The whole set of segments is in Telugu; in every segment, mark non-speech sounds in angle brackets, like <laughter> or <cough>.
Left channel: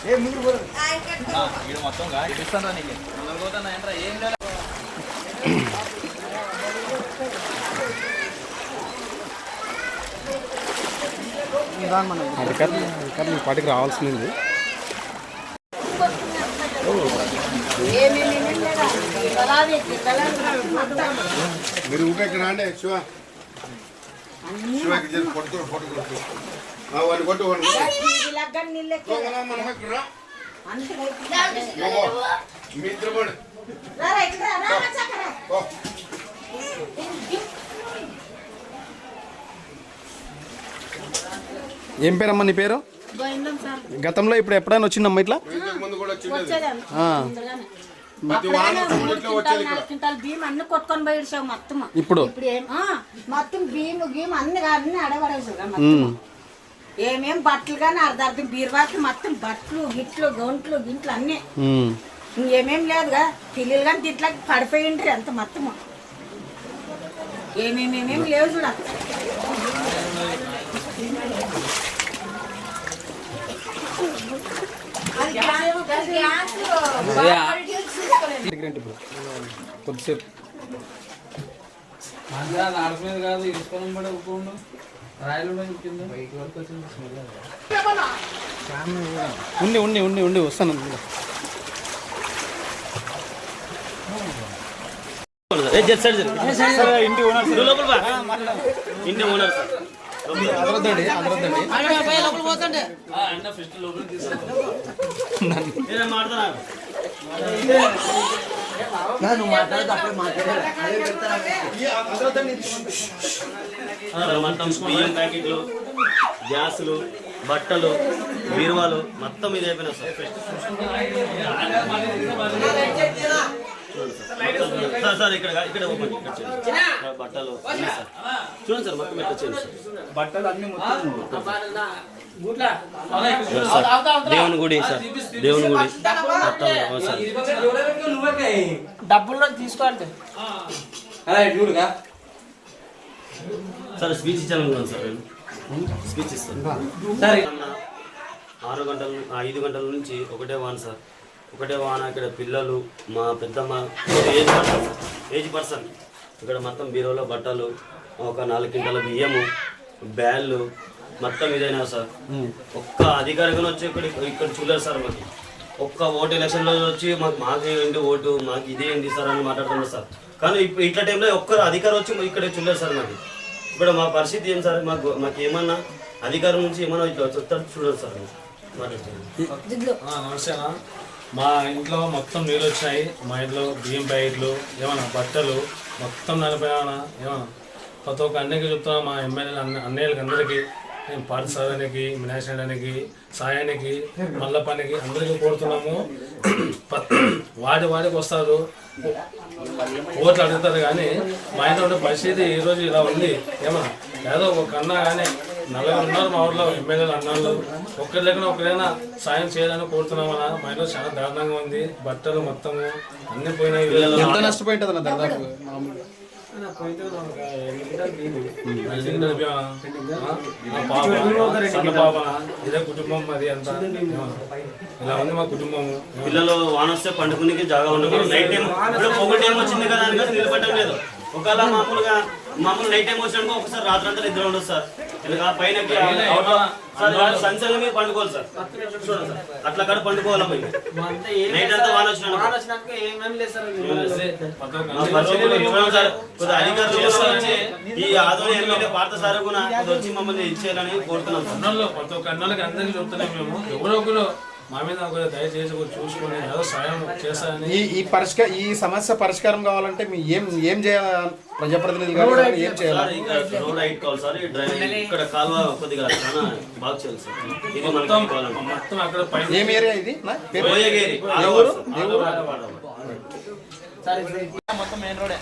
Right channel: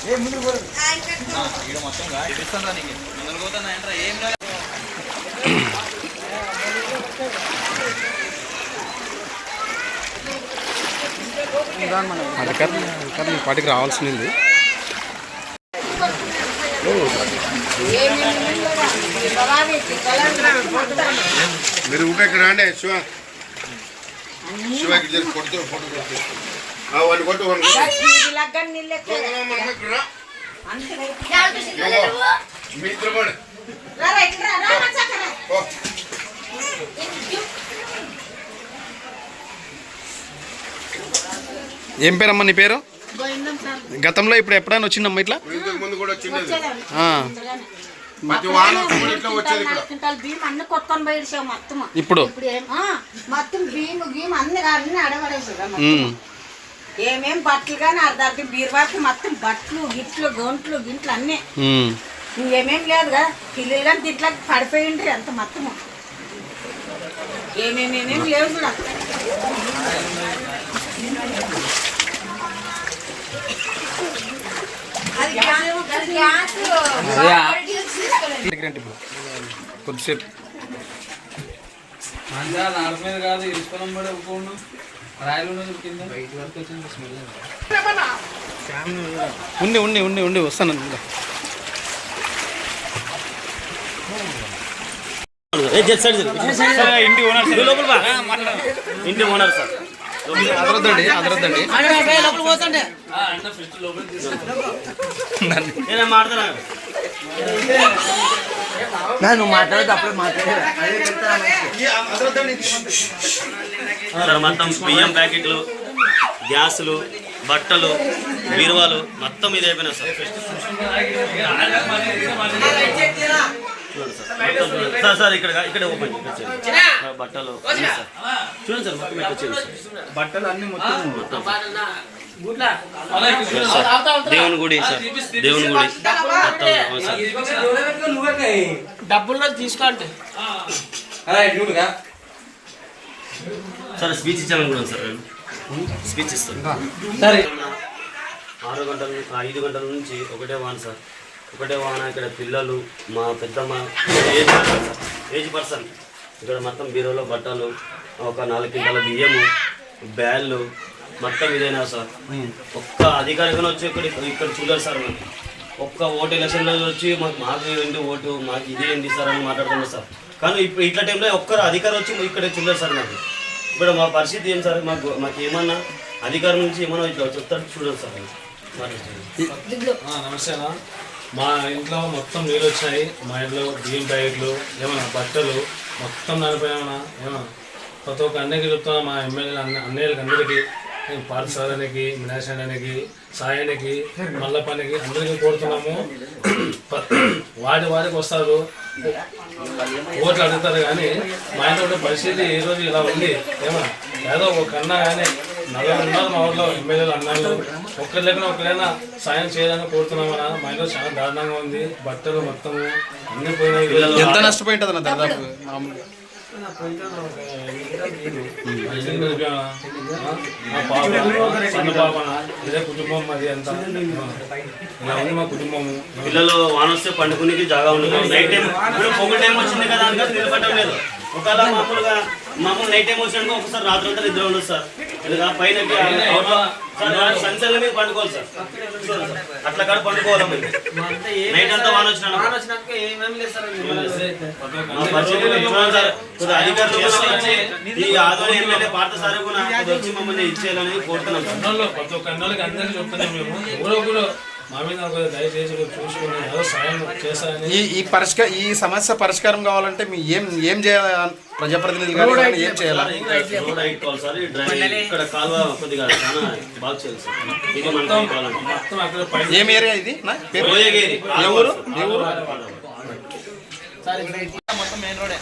ఇక్కడ మొత్తం చూపిస్తాను నీకు? ముందుకు పోతాను ఏంట్రా? ఏం లేదు అధికారులు అధికారులు ఈ పాటికి రావాల్సింది. మీరు ఊపేకి రాండి శివ. శివకి కొడుతూ ఫోటో వాడిని కొట్టు. ఏం పేరమ్మా నీ పేరు? గతంలో ఇప్పుడు ఎప్పుడైనా వచ్చిందమ్మా ఇట్లా? ఇప్పుడు? మొత్తం బియ్యం బియ్యం అన్ని అన్ని అడవడేసారు ఉమ్. ఏమేం బట్టలు కానీ అర్ధార్థం బీరువాకి మొత్తం బట్టలు గిట్లు గొంట్లు గింట్లు అన్నీ. ఇంకేమేం లేదుగా పిల్లలు కానీ తిట్లా పడిపోయిండ్రి అంత మొత్తము. ఏమేమేమేం లేవు ఇప్పుడు. కొద్దిసేపు. నాలుగు మీద కాదు ఇరుసుకొని పడి ఒప్పుకోండు ఉండి ఉండి ఉండి ఉండి వస్తాను ఇంకా. ఇంటి ఓనర్ సార్ అదరొద్దండి అదరొద్దండి అన్న ఫిస్ట్ మాట్లాడుతున్నా సార్ మొత్తం బియ్యం ప్యాకెట్లు గ్యాసులు బట్టలు బీరువాలు మొత్తం ఇది అయిపోయినా సార్ మొత్తం సార్ సార్ ఇక్కడ ఇక్కడ ఓపెన్ బట్టలు. చూడండి సార్ మొత్తం ఇక్కడ వచ్చేది సార్ బట్టలు అన్ని మొత్తం దేవుని గుడి సార్. దేవుని గుడి. డబ్బుల్లో తీసుకోండి. సార్ స్పీచ్ ఇచ్చామని కూడా సార్. నేను స్పీచ్ ఇస్తాను. సరే. ఆరు గంటల ఐదు గంటల నుంచి ఒకటే వాన సార్. ఒకటే వాన ఇక్కడ పిల్లలు మా పెద్దమ్మ ఏజ్ పర్సన్ ఏజ్ పర్సన్. ఇక్కడ మొత్తం బీరోలో బట్టలు ఒక నాలుగు కింటాల బియ్యము బ్యాళ్ళు మొత్తం ఇదైనా సార్? ఒక్క అధికారిగా వచ్చి ఇక్కడ ఇక్కడ చూడాలి సార్ మాకు. ఒక్క ఓటు ఎలక్షన్లో వచ్చి మాకు మాకు ఏంటి ఓటు మాకు ఇది ఏంటి సార్ అని మాట్లాడుతున్నారు సార్. కానీ ఇప్పుడు ఇట్లా టైంలో ఒక్కరు అధికారం వచ్చి ఇక్కడ చూడాలి సార్ మాకు. ఇప్పుడు మా పరిస్థితి ఏం సార్? మాకు మాకు ఏమన్నా అధికారం నుంచి ఏమన్నా ఇట్లా చెప్తారు చూడండి సార్ నమస్తే అన్న. మా ఇంట్లో మొత్తం నీళ్ళు వచ్చినాయి. మా ఇంట్లో బియ్యం ప్యాకెట్లు ఏమన్నా బట్టలు మొత్తం నడిపోయామన్నా ఏమన్నా? ప్రతి ఒక్క అన్నకి చెప్తున్నా మా ఎమ్మెల్యే అన్న అన్నయ్యలకి అందరికీ. పాఠశాలకి మినాశానికి సాయానికి మల్లపనికి అందరికీ కోరుతున్నాము. <clears throat> వాడి వాడికి వస్తారు. ఓట్లు అడుగుతారు కానీ మా ఇంట్లో పరిస్థితి ఈ రోజు ఇలా ఉంది. ఏమన్నా? ఏదో ఒక అన్న కానీ నలుగురు ఉన్నారు మా ఊర్లో ఎమ్మెల్యేలు అన్నారు. ఒక్కరి లేకుండా ఒకరైనా సాయం చేయాలని కోరుతున్నామన్నా. మా ఇంట్లో చాలా దారుణంగా ఉంది. బట్టలు మొత్తము అన్ని పోయినాయి. ఎంత నష్టపోయింటుంది అన్న దాదాపు మామూలుగా? సన్న ఇదే కుటుంబం అది అంతా ఇలా ఉంది మా కుటుంబము పిల్లలు వాన వస్తే పండుకునికి జాగా ఉండదు నైట్ టైం ఇప్పుడు పొగ టైం వచ్చింది కదా అని నిలబడటం లేదు. ఒకవేళ మామూలుగా మామూలు నైట్ టైం వచ్చినట్టు ఒకసారి రాత్రి అంతా నిద్ర ఉండదు సార్. పైన సన్సెల్ మీద పండుకోవాలి సార్. అట్లా కాడ పండుకోవాలి. నైట్ అంతా వాన వచ్చిన అధికారులు ఈ ఆదరణ ఎమ్మెల్యే పార్త సార్ కూడా వచ్చి మమ్మల్ని ఇచ్చేయాలని కోరుతున్నాం ప్రతి ఒక్క అన్నోళ్ళకి అందరికీ చెప్తున్నాం మేము. ఎవరో మా మీద ఒక దయచేసి కొంచెం చూసుకుని ఏదో సాయం చేస్తారని ఈ ఈ పరిష్కార ఈ సమస్య పరిష్కారం కావాలంటే మీ ఏం ఏం చేయాలి? ప్రజాప్రతినిధులు గారు కానీ ఏం చేయాలి? సార్, ఇంకా రోడ్ హైట్ కావాలి సార్ ఈ డ్రైనేజ్ ఇక్కడ కాలువ కొద్దిగా చాలా బాగా చేయాలి సార్. ఇది మొత్తం మనకి కావాలంటే మొత్తం అక్కడ పైన ఏం ఏరియా ఇది? నా పేరు? రోయగేరి. ఏ ఊరు? ఏ ఊరు? మొత్తం మెయిన్ రోడే.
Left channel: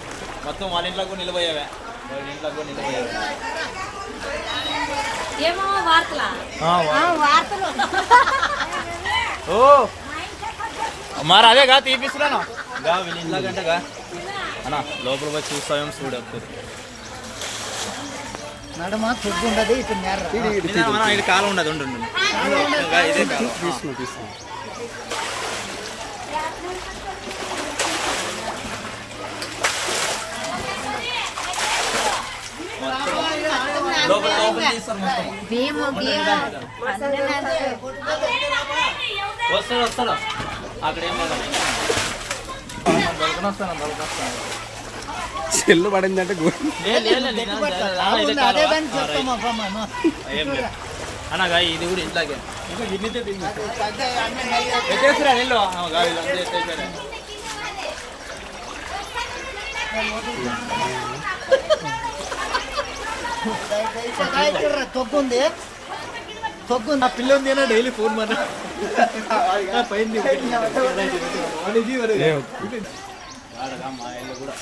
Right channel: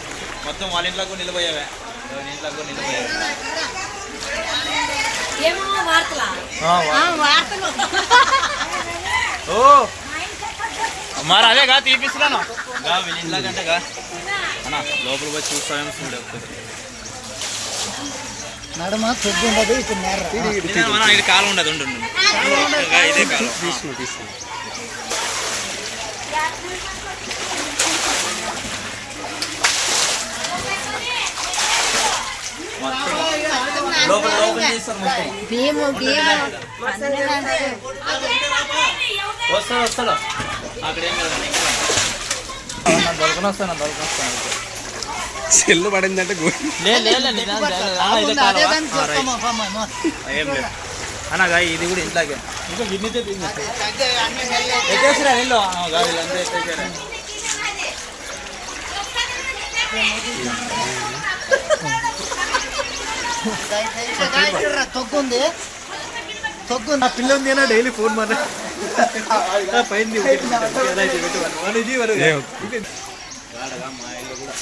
మొత్తం వాళ్ళ ఇంట్లో కూడా నిలబోయావే. ఎవరి ఇంట్లో కూడా నిలబోయావే. ఏమో వార్తలా? వార్తలు. ఓ. మరి అదే గా తీపిస్తున్నాను గా వీళ్ళ ఇంట్లో కంటే గా. అన్న లోపల పోయి చూస్తామేమో చూడు నడుమ చెగ్గు ఉండదు ఇటు నేర. ఇది కాలం ఉండదు ఉండు లోపల లోపల మొత్తం. వస్తాడు వస్తాడు అక్కడ ఏం దొరకని వస్తాను దొరకని వస్తాను. చెల్లు పడిందంటే గు- లే లే లే, లే, ఆ, ఇదే కాలం. అదే దానికి చెప్తాం అమ్మమ్మ ఏం లేదు. అనగా ఇది కూడా ఇంట్లోకి ఇంకా గిన్నెతే ఎట్టేసిరా వెళ్ళు. ఆ, తొగ్గు నా పిల్ల ఉంది డైలీ ఫోన్ మాట పైన మా ఇల్లు కూడా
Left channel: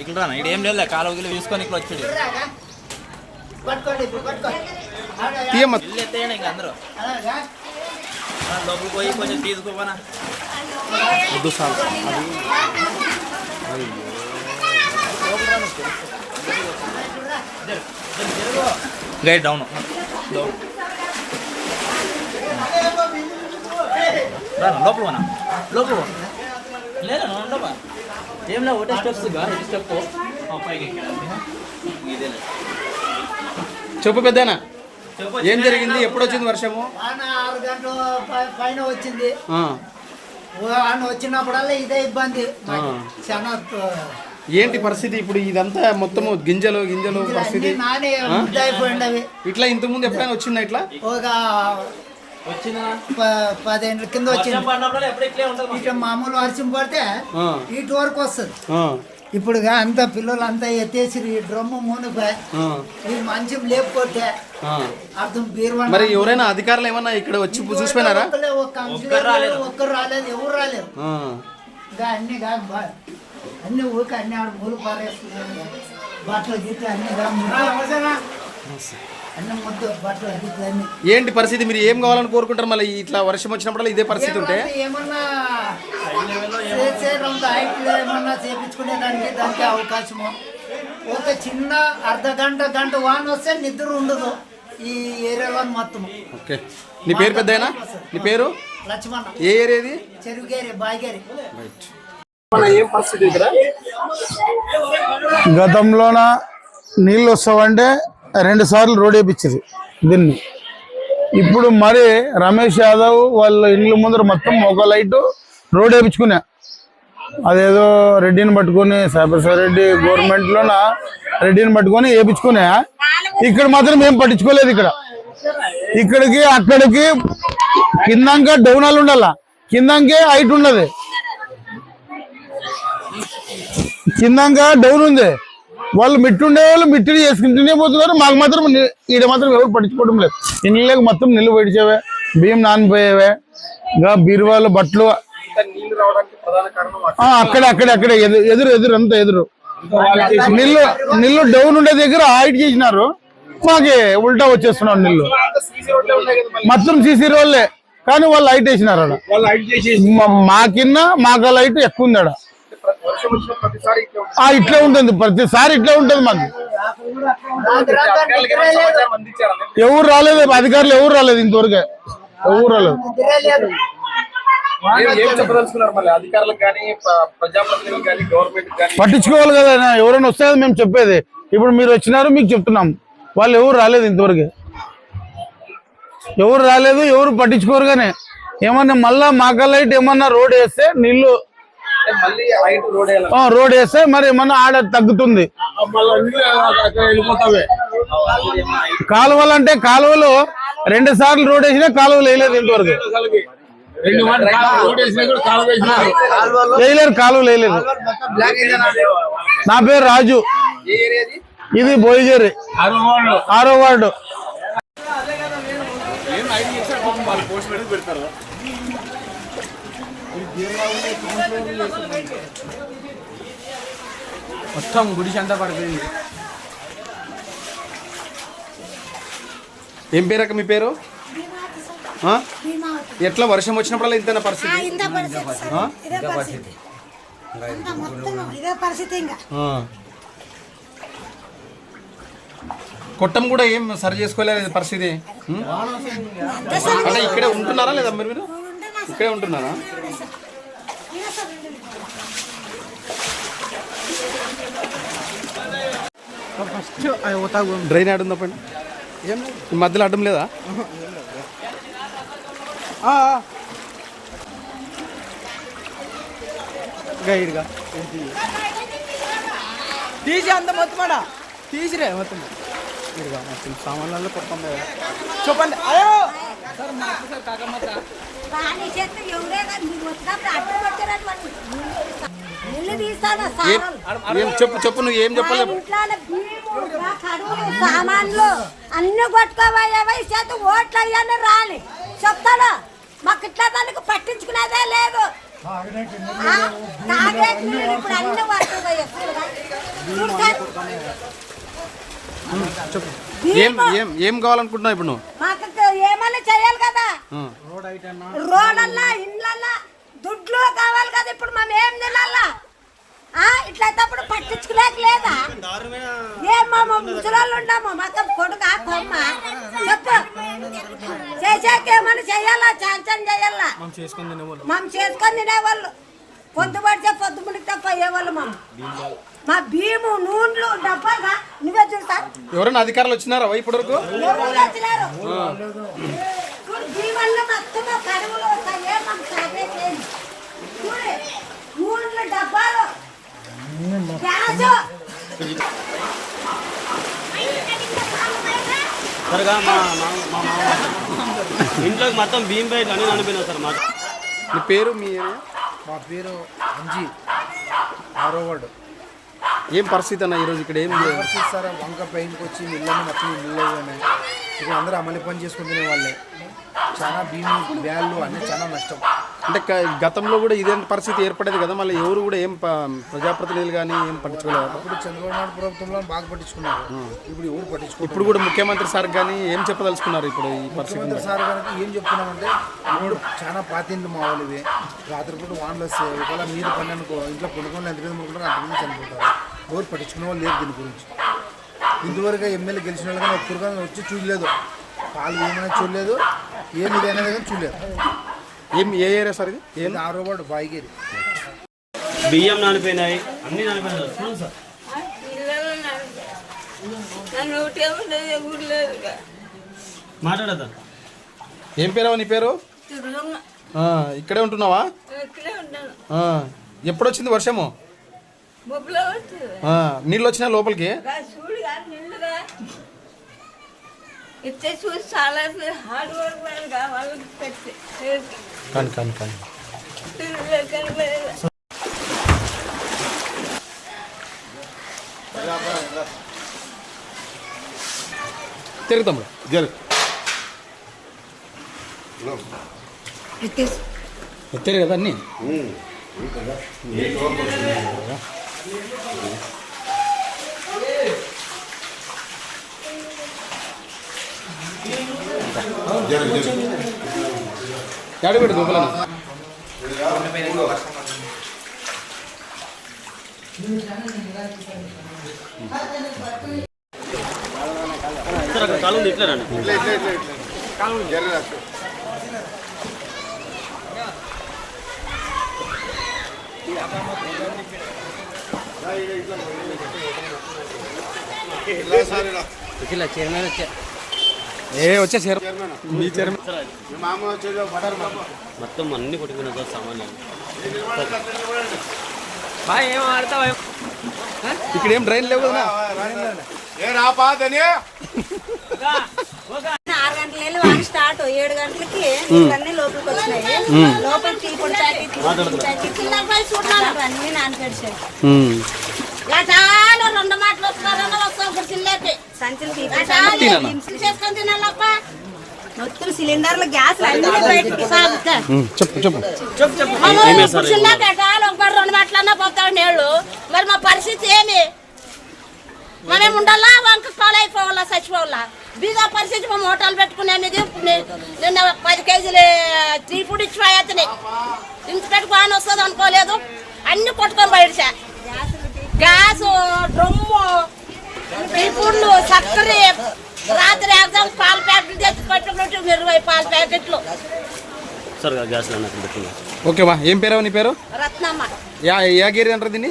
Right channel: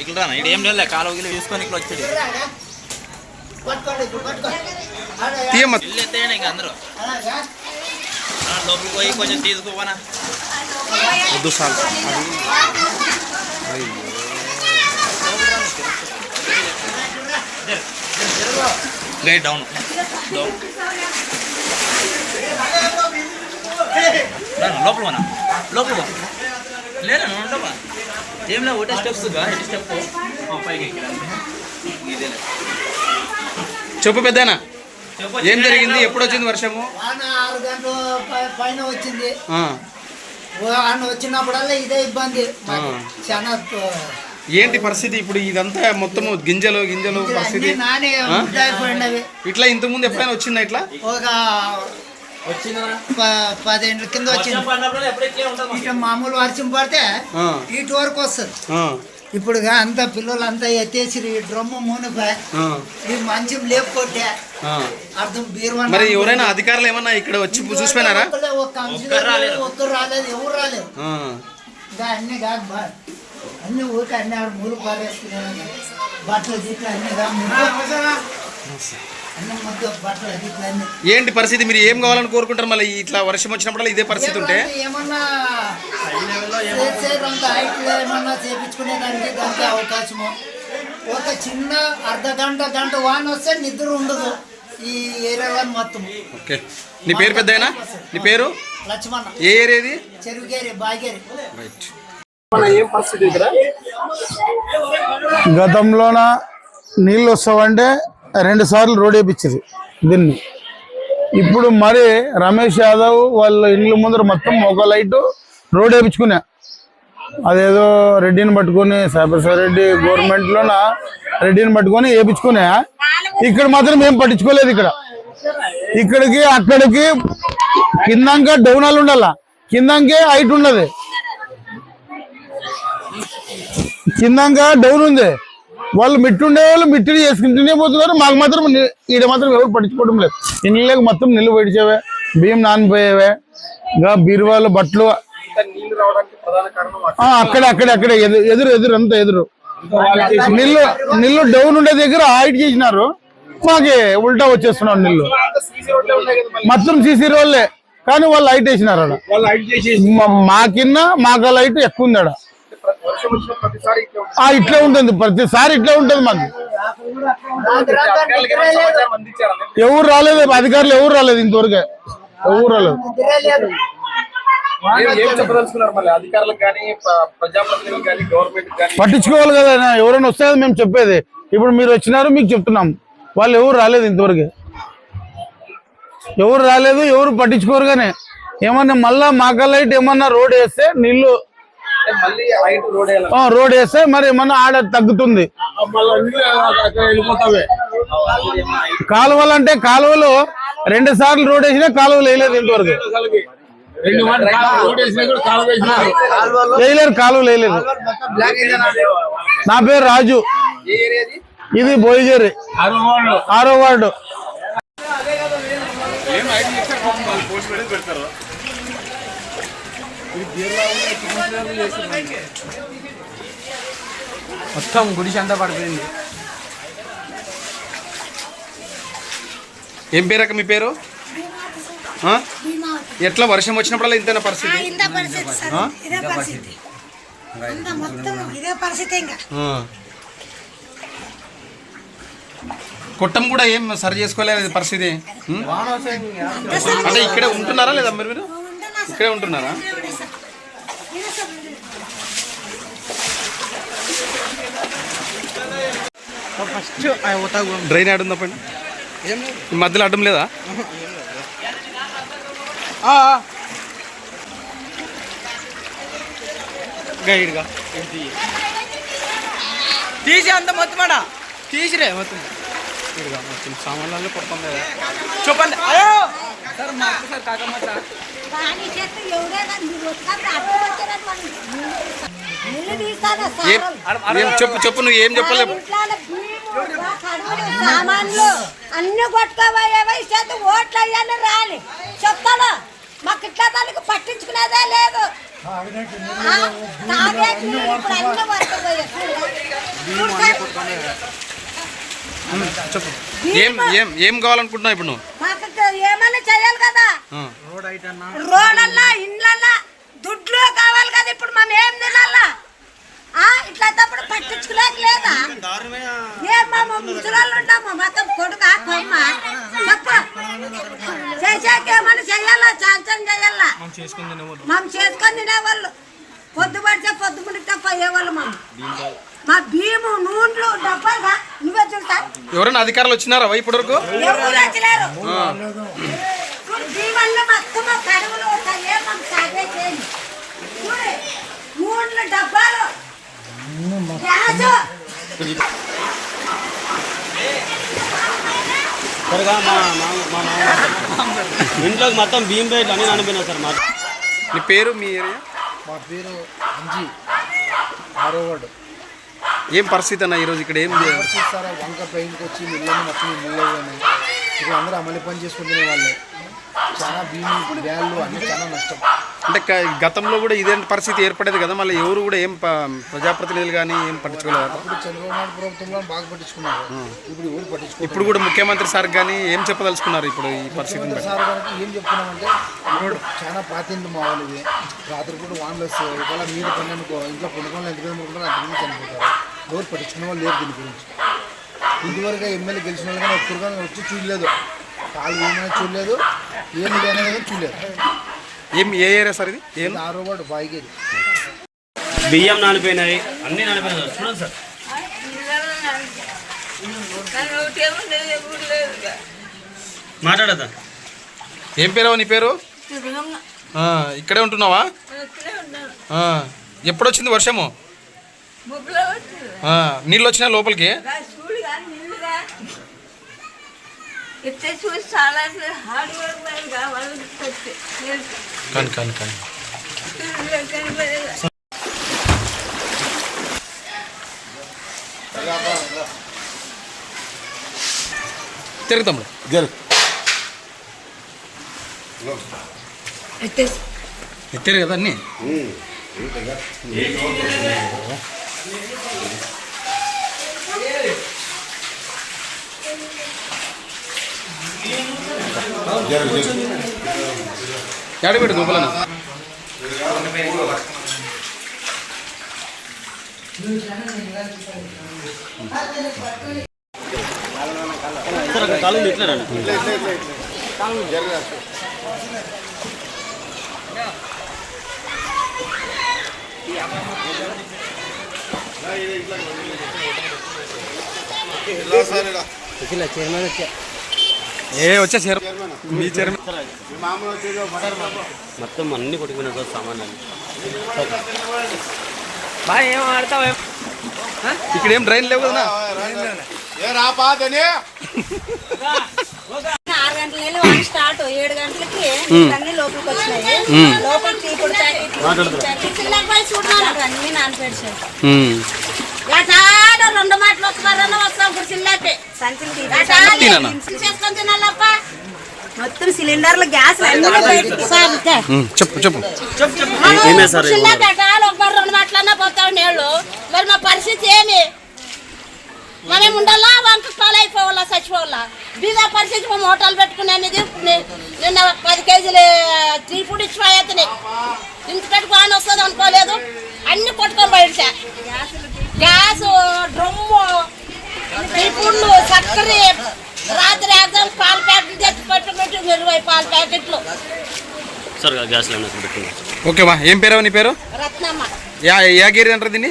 ఇక్కడ ఇక్కడ ఏం లేదు కాలువ గిల్లు తీసుకొని ఇక్కడ వచ్చాడు. అందరూ. లోపలికి పోయి కొంచెం తీసుకోపోనా? వద్దు సార్. అది గైడ్ డౌన్ డౌన్ లోపల పోనా లోపల పో లేదా ఉండవా ఏం లే ఒకటే స్టెప్స్ ఎటు స్టెప్ పైకి చెప్పు పెద్దనా? ఏం జరిగింది? ఎప్పుడు వచ్చింది వర్షము ఆరు గంటల పైన వచ్చింది. వచ్చినప్పుడల్లా ఇదే ఇబ్బంది. చాలా ఏంటి పరిస్థితి ఇప్పుడు ఇదంతా మొత్తము గింజలు గింజలు పరిస్థితి? ఇట్లా ఇంతకుముందు ఎప్పుడైనా వచ్చిందా ఇట్లా? ఒక వచ్చిందా? ప- పదేళ్ళ కింద వచ్చింది. మామూలు వర్షం పడితే ఇటు వరకు వస్తుంది. ఇప్పుడు అంతా పిల్లలు అంతా ఎత్తేసి ఈ డ్రమ్ము మూనిపోయి ఆ, ఈ మంచం ఆ. అర్థం బీరువా మరి ఎవరైనా అధికారులు ఏమన్నా ఇక్కడ వచ్చి చూసిపోయినారా? ఒక్కరు రాలేదు. ఎవరు రాలేదు. అన్ని కాదు అన్ని ఊరికి అన్ని ఆడ మూలు పారేసుకున్నాను బట్టలు గిట్లు అన్ని ఏంటి పరిస్థితి? మీరు ఏం కావాలని కోరుకుంటారు? మళ్ళీ ఇట్లా వర్షం వచ్చినప్పుడు ఇదే పరిస్థితి ఉంటే? ఏమన్నా ఏమన్నా చేపించుకునే దానికి దానికి అవకాశము. ఒక చిన్న అర్ధ గంట గంట వాన వస్తే నిద్ర ఉండదు ఈ ఏరియాలో మొత్తం. ఓకే. నీ పేరు పెద్దయినా నీ పేరు? లక్ష్మణ. ఏ ఏరియాది? చెరుగేరి బాగేరి రైట్. గతంలోన నీళ్ళు వస్తావంటే రెండు సార్లు రోడ్ వేయించింది దీన్ని. ఇప్పుడు మరి రమేష్ యాదవ్ వాళ్ళ ఇండ్ల ముందర మొత్తం ఒక లైట్ రోడ్ వేయించుకున్నా అదేదో రెడ్డిని పట్టుకొని సాయిప్రసాద్ రెడ్డి గవర్నమెంట్లోన రెడ్డిని పట్టుకొని వేయించుకున్నా ఇక్కడ మాత్రం ఏం పట్టించుకోలేదు ఇక్కడ. ఇక్కడికి అక్కడికి కిందంక డౌనాలు ఉండాల. కిందంకే హైట్ ఉండదు కిందంగా డౌన్ ఉంది. వాళ్ళు మిట్టుండే వాళ్ళు మిట్టిడి చేసుకుంటూనే పోతున్నారు. మాకు మాత్రం ఈడ మాత్రం ఎవరు పట్టించుకోవడం లేదు. ఇళ్ళకి మొత్తం నిల్లు పెట్టించేవే బియ్యం నానిపోయేవే ఇంకా బీరువాలు బట్టలు. ఆ, అక్కడే అక్కడే అక్కడే ఎదురు ఎదురు అంతా ఎదురు. నిల్లు నిల్లు డౌన్ ఉండే దగ్గర హైట్ చేసినారు. మాకి ఉల్టా వచ్చేస్తున్నాడు నిల్లు మొత్తం సీసీ రోడ్లే. కానీ వాళ్ళు హైట్ వేసినారు ఆడ. మా- కింద మాకు లైట్ ఎక్కువ ఉంది ఆ, ఇట్లా ఉంటుంది. ప్రతిసారి ఇట్లా ఉంటుంది మాకు. ఎవరు రాలేదు. అధికారులు ఎవరు రాలేదు ఇంతవరకు. ఎవరు రాలేదు. పట్టించుకోవాలి కదా ఎవరైనా వస్తే మేము చెప్పేది. ఇప్పుడు మీరు వచ్చినారు మీకు చెప్తున్నాం. వాళ్ళు ఎవరు రాలేదు ఇంతవరకు. ఎవరు రాలేదు ఎవరు పట్టించుకోరు కానీ ఏమన్నా మళ్ళా మాకా లైట్ ఏమన్నా రోడ్ వేస్తే హైట్ రోడ్ వేస్తే మరి ఏమన్నా ఆడ తగ్గుతుంది. కాలువలు అంటే కాలువలు రెండు సార్లు రోడ్ వేసినా కాలువలు వేయలేదు ఇంతవరకు. వేయలేరు కాలువలు వేయలేదు నా పేరు? రాజు. ఇది? భోయిగేరి ఆరో వార్డు. మొత్తం గుడిసి అంతా పడిపోయింది. ఏం పేరక్క మీ పేరు? ఎట్లా వర్షం వచ్చినప్పుడల్లా ఇంతైనా పరిస్థితి. కొట్టం కూడా ఏం సరి చేసుకోలేదు పరిస్థితి? అంటే ఇక్కడే ఉంటున్నారా లేదా మీరు? మీరు ఇక్కడే ఉంటున్నారా? డ్రైన్ పైన? ఈ మధ్యలో అడ్డం లేదా? గైడ్గా తీసి అంత మొత్తం ఆడ. తీసిరే మొత్తం. ఇదిగో మొత్తం సామాన్లలో పడుతుంది చెప్పండి. అయ్యో! సార్ మా అక్క సార్ కాకమ్మ చెప్పు చెప్పు నువ్వు ఏం చెప్పలేవు సామాన్లు అన్ని కొట్టుకోబోయేవా చేత ఓట్లు అయ్యాను రాలి చెప్తాను. మాకు ఇట్లా దానికి పట్టించుకునేదే లేదు. అన్ని చెప్పు ఏం ఏం ఏం కావాలనుకుంటున్నావు ఇప్పుడు నువ్వు? ఏమన్నా చేయాలి కదా. ఆ. రోడ్లల్లా ఇండ్లల్లా దుడ్లు కావాలి కదా ఇప్పుడు. మనం ఏం తినాలా? ఆ, ఇట్లయితేప్పుడు పట్టించుకోలేక లేదా? ఏం మా ముసలాళ్ళు ఉన్నాము మొత్తం కొడుకు కొమ్మ చెప్పు. చేసాక ఏమన్నా చెయ్యాలా చాంచన్ చెయ్యాలా మనం చేసుకొని తినేవాళ్ళు. పొద్దు పడితే పొద్దు ముడితే పోయేవాళ్ళు మనం. మా భీము నూనెలు డబ్బాగా నువ్వే చూస్తా. ఎవరైనా అధికారులు వచ్చినారా ఇప్పటి వరకు? ఎవరు వచ్చలేరు చూడు దీవల్ల మొత్తం మా కడుపులో వస్తాయి ఏం మాకు సాగే నూనెలు డబ్బాలు. త్వరగా మా మా- మా ఇంట్లోకి మొత్తం బియ్యం ప్యాకెట్లు అన్నీ నానిపోయినాయి సార్ మా నీ పేరు మీ ఏరియా? మా పేరు అంజీ ఆరో వార్డు. ఏం పరిస్థితి అన్న ఈరోజు ఇక్కడ ఏం చే- చూస్తారా వంక పైకి వచ్చి మిల్లని మొత్తం మిల్లు ఉన్నాయి ఇక్కడ అందరూ అమలు పని చేసుకుంటునే వాళ్ళే. చాలా భీమి బ్యాళ్ళు అన్నీ చాలా నష్టం. అంటే గతంలో కూడా ఇదే పరిస్థితి ఏర్పడేది కదా మళ్ళీ ఎవరు కూడా ఏం ప్రజాప్రతినిధులు కానీ ఏం పట్టించుకోలేదు ఇప్పుడు చంద్రబాబు నాయుడు ప్రభుత్వంలో బాగా పట్టించుకున్నారు. ఇప్పుడు ఎవరు పట్టించుకోరు ఇప్పుడు కూడా ముఖ్యమంత్రి సార్ కానీ ఏం చెప్పదలుచుకున్నారు ఇప్పుడు ఈ బట్టి? సార్ గారికి ఏం చెప్తున్నామంటే చాలా పాతిండ్లు మా వాళ్ళవి రాత్రిపూట వానలు వస్తాయి ఒకవేళ మీరు పని అనుకో ఇంట్లో పడుకోవాలి ఎంతమంది పడుకుంటారు అంతమంది చనిపోతారు. ఎవరు పట్టించుకునే వాళ్ళు లేరు దీని గురించి. ఇంతవరకు ఎమ్మెల్యే గెలిచిన వాళ్ళు కానీ ఒక్కరుగా వచ్చి చూడలేదు. పాలు ఏమైనా చూడలేదు ఏమి అనేది కానీ చూడలేదు. ఏం ఏ ఏరియా సార్ ఇది? ఏం? ఆరో వాడు బాయిగేది బియ్యం నానిపోయినాయి అన్నీ నానిపోయినాయి సార్. చూడండి సార్. మాట్లాడదా ఏం పేరు నీ పేరు? ఇక్కడే ఉంటున్నావా? ఆ, ఎప్పుడు వచ్చింది వర్షము నీళ్ళు వచ్చినా లోపలికి? ఇస్తే చూసి చాలా హార్డ్ వర్క్ కావాలి కానీ కానీ కానీ తిరుగుతాము ఎత్తారు కదా అన్నీ ఎడబెట్టు గోపాలన్న. కాలం ఇట్లా రండి ఏ వచ్చే మీ చైర్మన్. మొత్తం అన్ని కొట్టుకుపోయినా సామాన్లు. బాగా ఏం ఆడతావు? ఇక్కడ ఏం డ్రైన్ లేవు కదా. ఏ రా పాదని ఆరు గంటల స్టార్ట్. ఏడు గంటలకి అన్ని లోపలికి వచ్చినాయి. లోపలికి ఇప్పుడు అన్ని నానపెడిచాయి ఎటాలో రెండు మాటలు వస్తున్నారని వస్తాం ఇప్పుడు తిననా? చేసుకొని తినాలప్ప? మొత్తం సిలిండర్లు గ్యాస్ చెప్పు చెప్పు. రెండు మాటలన్నా పోతావు నీళ్ళు. మరి మా పరిస్థితి ఏమి? మనం ఉండాలా? వంక పాలైపోవాలా చచ్చిపోవాలా? బీదా పరిస్థితి మేము హోటల్ పెట్టుకునేది నిన్న పది కేజీలు త్రీ ఫుడ్ ఇచ్చిపోయేతని ఇంత పెట్టుకు ఆయన వస్తుంది అనుకోలేదు. అన్ని కొట్టుకొని బయట గ్యాస్ డ్రమ్ము ఇప్పుడు చక్కెర రాత్రి ఎగ్జామ్ పాల ప్యాకెట్లు తెచ్చి పెట్టుకుంటూ ఇరవై పాల ప్యాకెట్లు. సార్ గ్యాస్ లైన్ అక్కడ పెట్టుకున్నాం ఓకే బా ఏం పేరు నీ పేరు? రత్నమ్మ. యా యా గేరి అంటారు దీన్ని?